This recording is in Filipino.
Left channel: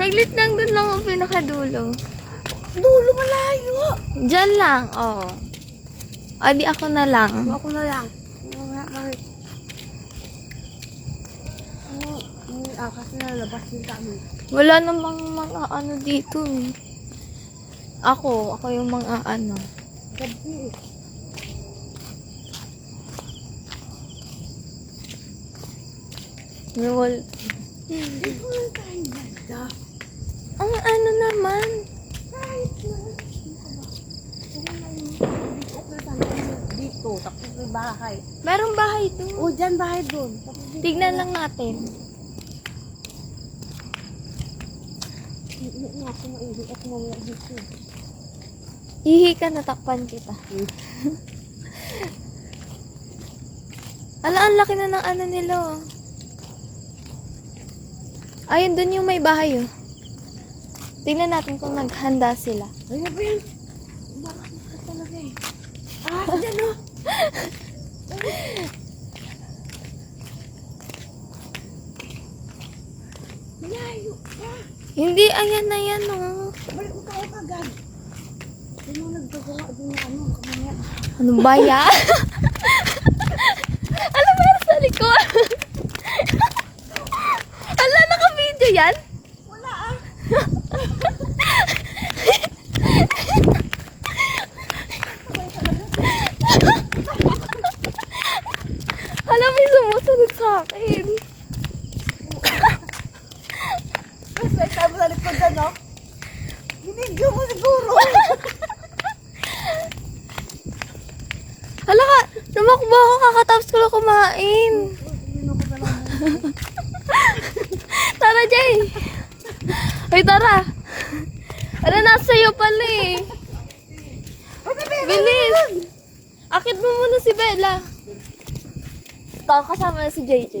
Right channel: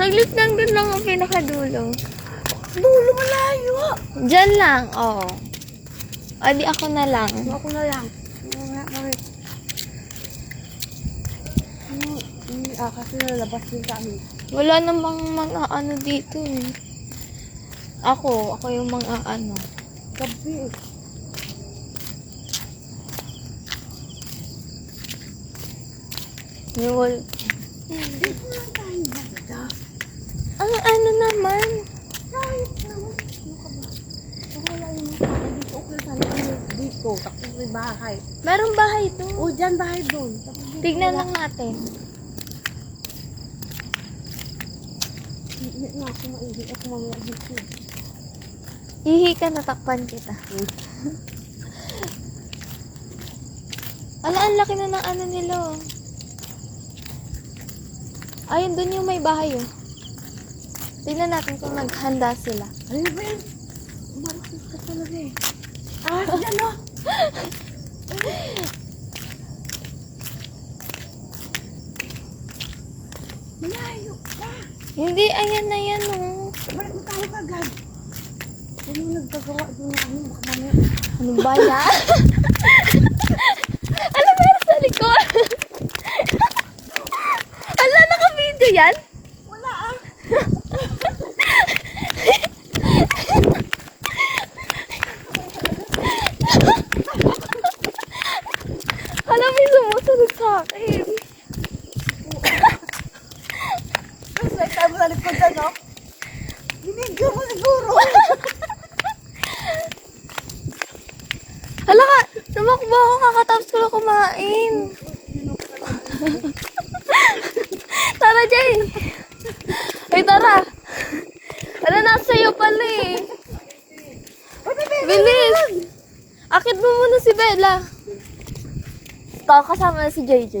Saglit lang dun lang ang pinakadulo. Dulo malayo. Diyan lang, oo. O, di ako na lang. Ako na lang. Bakit? Kasi nalabas din kami. Wala namang mga ano dito eh. Ako yung mga ano. Gabi eh. Yung wall. Hindi ko lang tayo banda. Ang ano naman. Kahit naman. Ano ka ba? Wala yung dito. Okay tayo dito. Tapos may bahay. Merong bahay doon. O, dyan bahay doon. Tignan lang natin. Hindi na ako maihi at mamaya dito. Hihi ka, natakpan kita. Ang laki na ng ano nila oh. Ayun, dun yung may bahay oh. Tignan natin kung naghanda sila. Ano ba yan? Umarakit ka talaga eh. Yan o. Malayo pa. Hindi, ayan na yan oh. Balik mo tayo kagad. Yan mo nagdagawa doon na ano. Mamaya. Ano ba yan? Alam mo yan sa likod? Ala, naka-video yan? Wala ah. Alam mo, sumusunod sa akin. Tapos may tayo mo sa likod dyan o. Binigyo mo siguro. Hala ka, lumakbo ka, kakatapos ko lang kumain. Tara, Jay. Ay, tara. Ano, nasa iyo pala eh. Bilis. Akit mo muna si Bella. Ito, kasama na si JJ.